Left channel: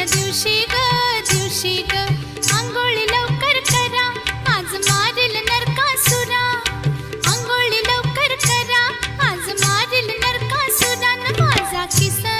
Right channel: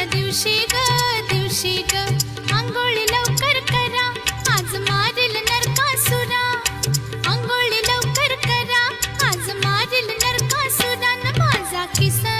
आजच्या दिवशी ग आंघोळी लवकर करा, आज मारेल नरकासुरा. आंघोळी लवकर करा, आज मारेल नरकासुरा. न माझा किसन